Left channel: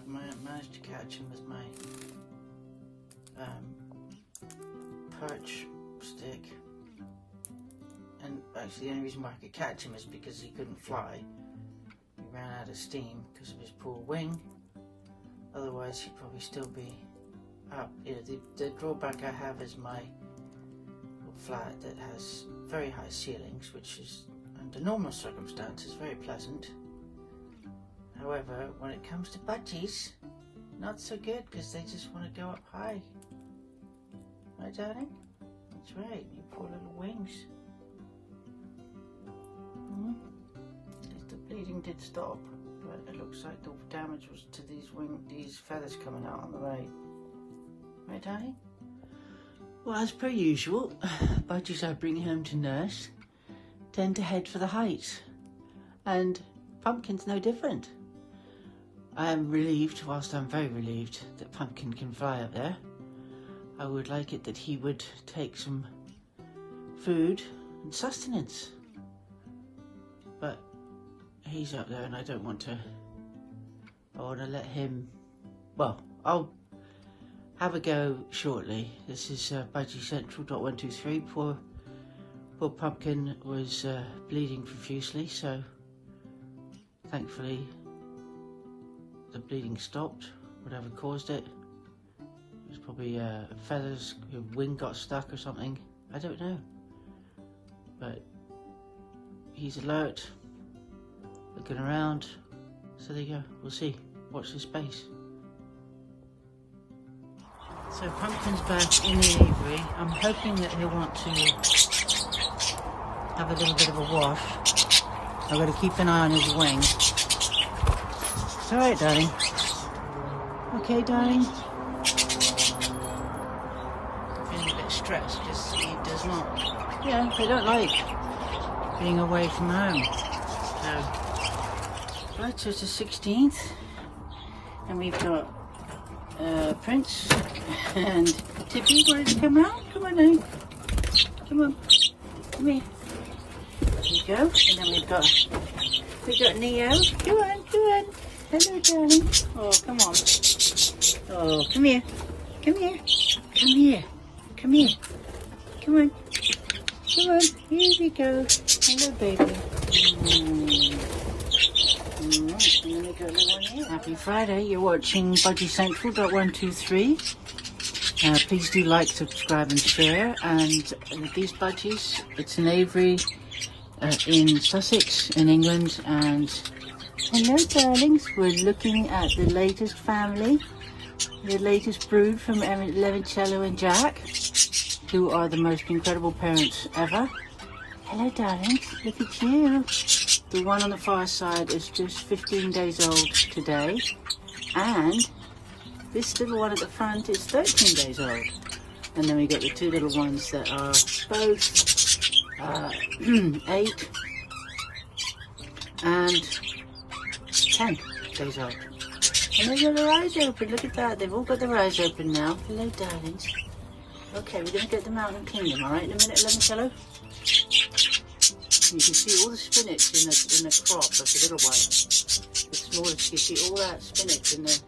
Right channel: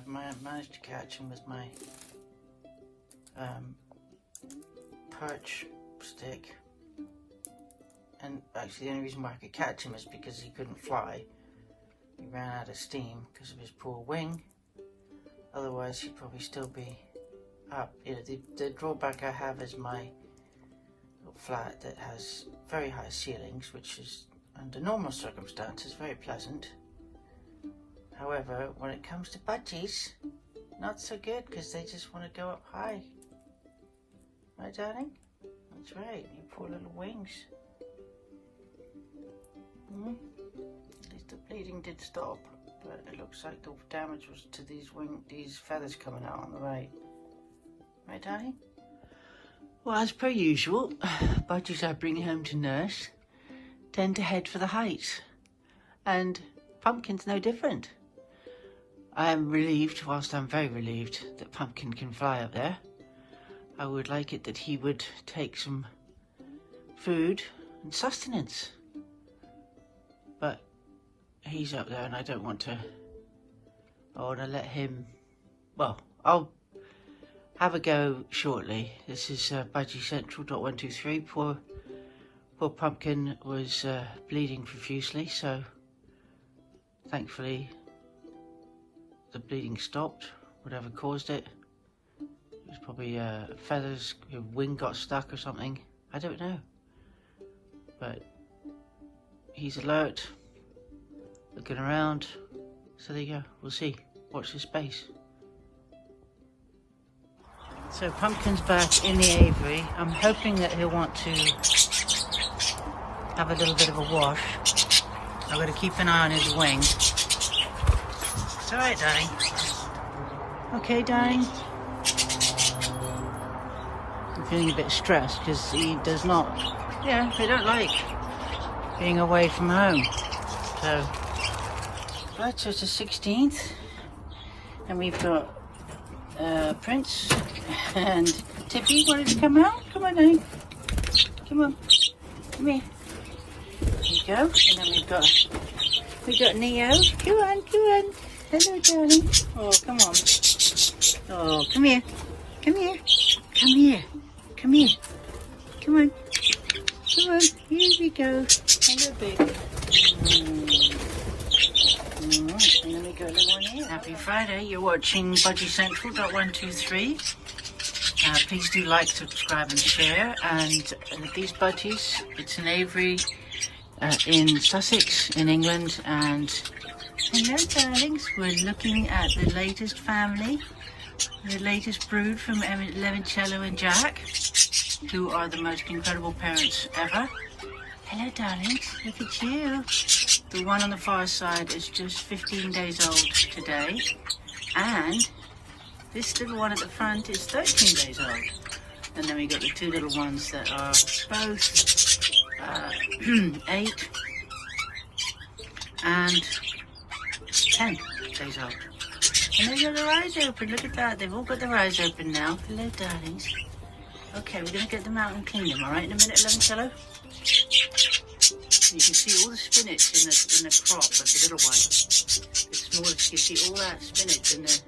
I've managed to catch him with my perch stick, and actually the only reason why I could catch him is because he couldn't fly. He ran out of steam because of his poor wing. Otherwise he'd probably still be up. You know, the drawback I have is my little flat that has very high ceilings, which is under normal circumstances very pleasant. However, when it comes to budgies, not so good, because they just want to go up high. Right, darling? That's right, your poor little wings. The bleeding did stop, but it looks like the damage was to these feathers coming out on the right. Right, darling? Well, as per usual, budgies I bring home to nurse tend to head for the heights, and Pumpkin's no different. I am relieved, whilst I'm very relieved, that Pumpkin can fly up there. I would like it that he would take some food and sustenance. But he's up there and I don't want to. I want to let him, well, I'll have a go shortly. This is Budgie Central.123. Poor Pumpkin was bleeding profusely, so thankfully the bleeding stopped, whatever caused it. It was probably feathers, your wing got stuck or something. I don't know. But he's alert, looking around. So there you go, we'll see. Watch this space. So Pumpkin's back in the aviary. I'm hoping that he'll want to have a little bit of a wash. I've got to keep an eye on his wing. It's alright, darling. Okay, darling. I'm feeling a bit stressed because he does not, they don't like being away from home. So it's the 16th, and we've got Prince and Tippy wanted to come out. Come on, darling. Come on. Come here. There you go. And then we got Neo. Come on, come on. Hello, darling. Oh, come on. Oh, come here. Come here. Come here. Come here. Come on. Come on. Here we go. Hello, baby. Alright, and then we got the one here. Happy Friday. You're watching Budgie Central.123. Please do like, subscribe and share. And these budgies, it's an aviary in Sussex in England, and hello darlings, we're looking at the latest family, the latest brood from Lemoncello and Jack, who are the most incredible parents ever. Hello darlings, look at you. The one on the far side is just 15 days old today, and this little one at the front is 13 days old. And then we got the two little ones that are both 8 and 10 days old. And they've got their eyes open. Look at that. They've all got their eyes open now. Hello, darlings. Okay, we're going to get them out and clean them, alright, in a minute, Lemoncello? You can see all the spinach in the crop of the little one. The smallest, you see all that spinach in the,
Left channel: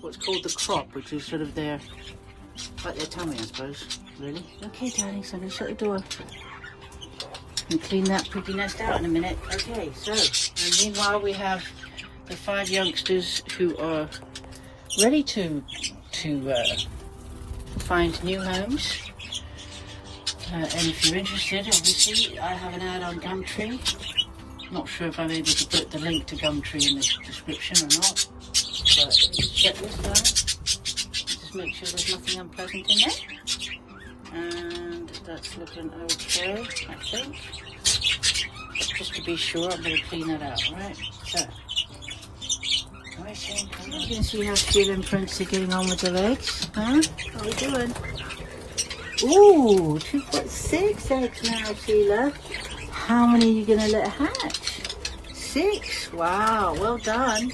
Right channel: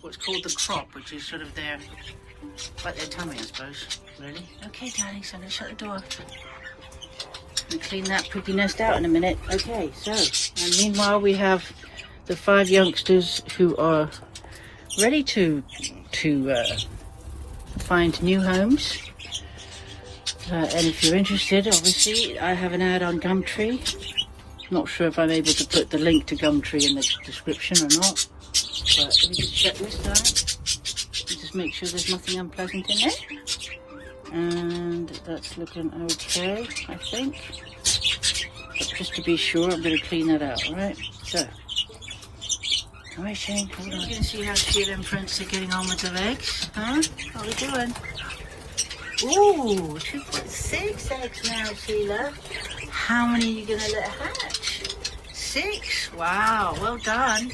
what's called the crop, which is sort of their, like their tummy, I suppose, really. Okay, darling, so let's shut the door. And clean that pretty nest out in a minute. Okay, so, and meanwhile we have the 5 youngsters who are ready to find new homes. And if you're interested, obviously, I have an ad on Gumtree. Not sure if I'm able to put the link to Gumtree in the description or not. But just make sure there's nothing unpleasant in it. And that's looking okay, I think. Just to be sure, I'm going to clean that out, alright? So, alright, Shane, you can see how Sheila and Prince are getting on with the legs, huh? How are we doing? Ooh, she's got 6 eggs now, Sheila. How many are you going to let hatch? 6? Wow, well done.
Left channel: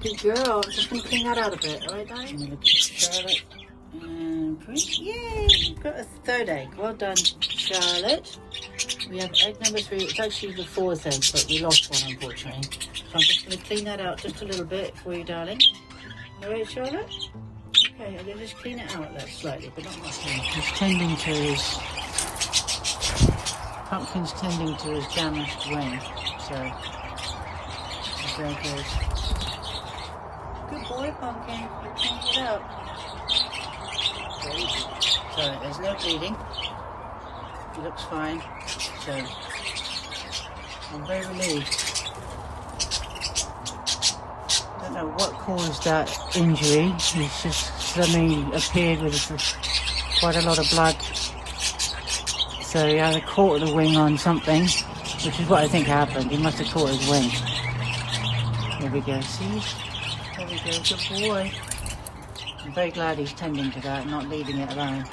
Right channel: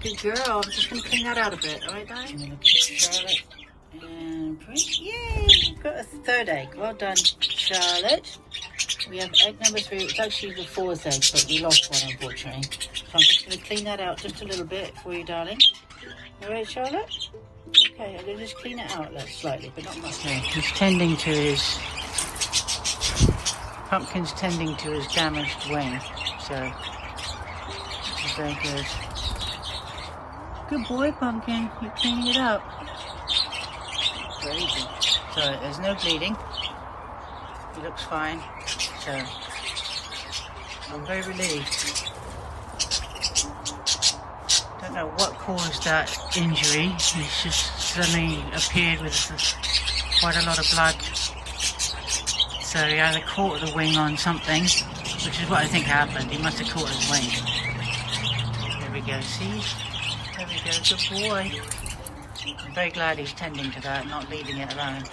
Good girl. I'm just going to clean that out a bit, alright, darling? I'm going to get Charlotte and Prince. Yay, we've got a 3rd egg. Well done, Charlotte. We have egg number 3. It's actually the 4th egg, but we lost one, unfortunately. So I'm just going to clean that out just a little bit for you, darling. Alright, Charlotte? Okay, I'm going to just clean it out slightly, but not much. Okay, he's tending to his... Pumpkin's tending to his damaged wing, so... He's very good. Good boy, Pumpkin. You're cleaning it out. Very good. So, there's no bleeding. He looks fine. So, I'm very relieved. Don't know what caused that injury. He's just suddenly appeared with quite a lot of blood. So he either caught the wing on something, which is what I think happened. He must have caught his wing. There we go, see? There we go, good boy. I'm very glad he's tending to that, not leaving it alone.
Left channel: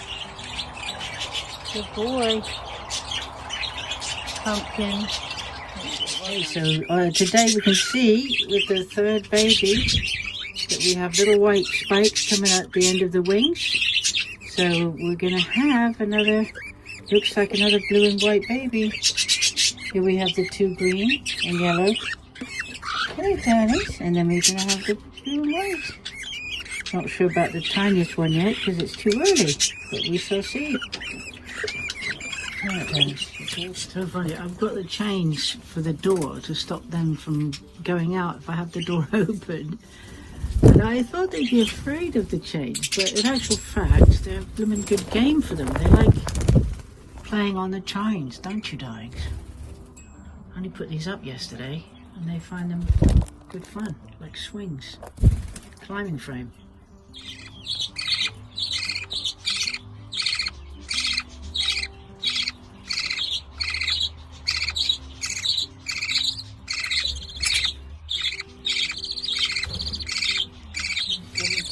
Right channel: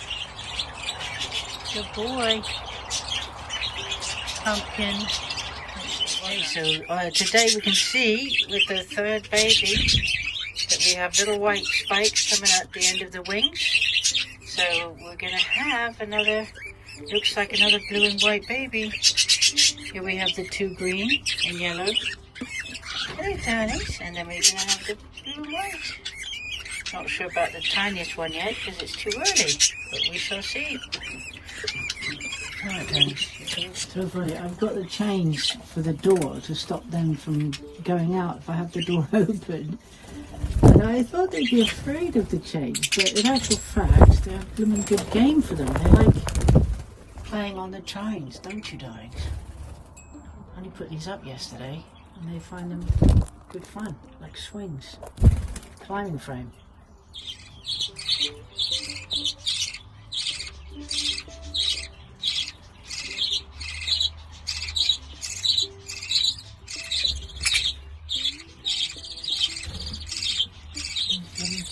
Good boy. Pumpkin. Okay, so today we can see with the third baby that we have little white spikes coming out the end of the wings. So we're going to have another, looks like another blue and white baby. Here we have the two green and yellow. Hey, darlings. And then we're going to have the blue and white. Not sure about the tiniest one yet because it's too early, but we shall see. Right, thanks. It's so funny. I've got the chains for the door to stop them from going out if I have the door open. And I thought they'd be afraid of the chains, but in actual fact, they're a blooming good game for them. They like playing on the chains, don't you, darlings? I only put these up yesterday, and they find them good fun, like swings, climbing frame.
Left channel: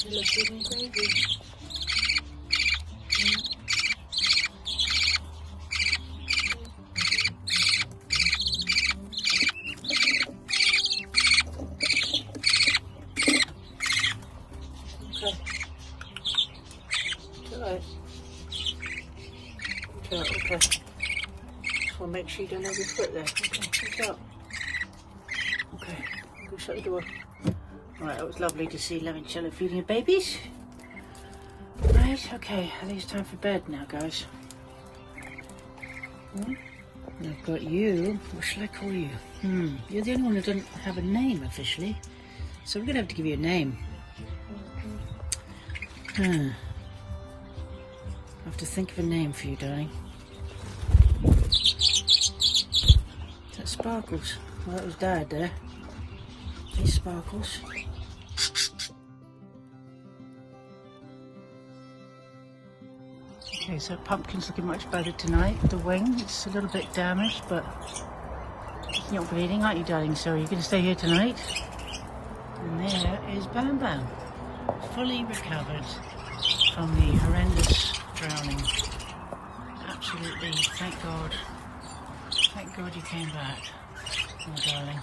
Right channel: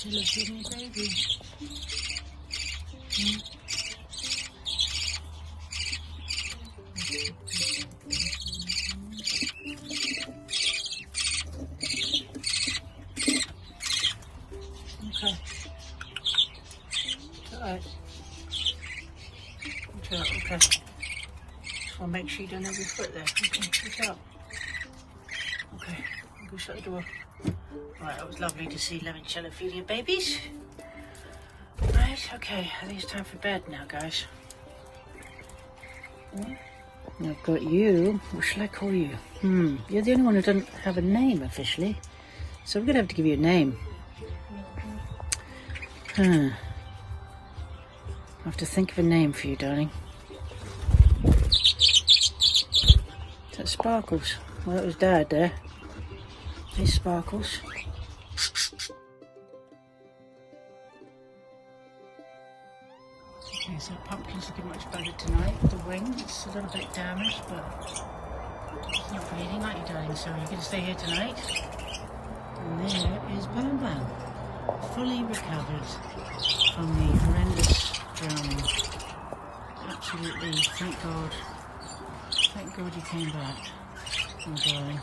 Little baby. Okay. Okay. I'll make sure you don't have your foot there. Okay, good job. Okay, go shut the door. Right, that was lovely to see Lemoncello feeding her babies. Right, okay, I think it's time for bed now, guys. I've got you. What shall I call you? You're the only one who doesn't have a name officially, so I'm going to have to give you a name. I have to think of a name for you, darling. Is that Sparkles? Well, that was Dad there. Hey, Sparkles. Okay, so Pumpkin's looking much better tonight. The wing, it's a little bit damaged, but you're not bleeding, aren't you, darling? So you're going to stay here tonight. And there is Bam Bam, fully recovered from the horrendous drowning. Absolutely, thank God. Thank God you came back, my darling.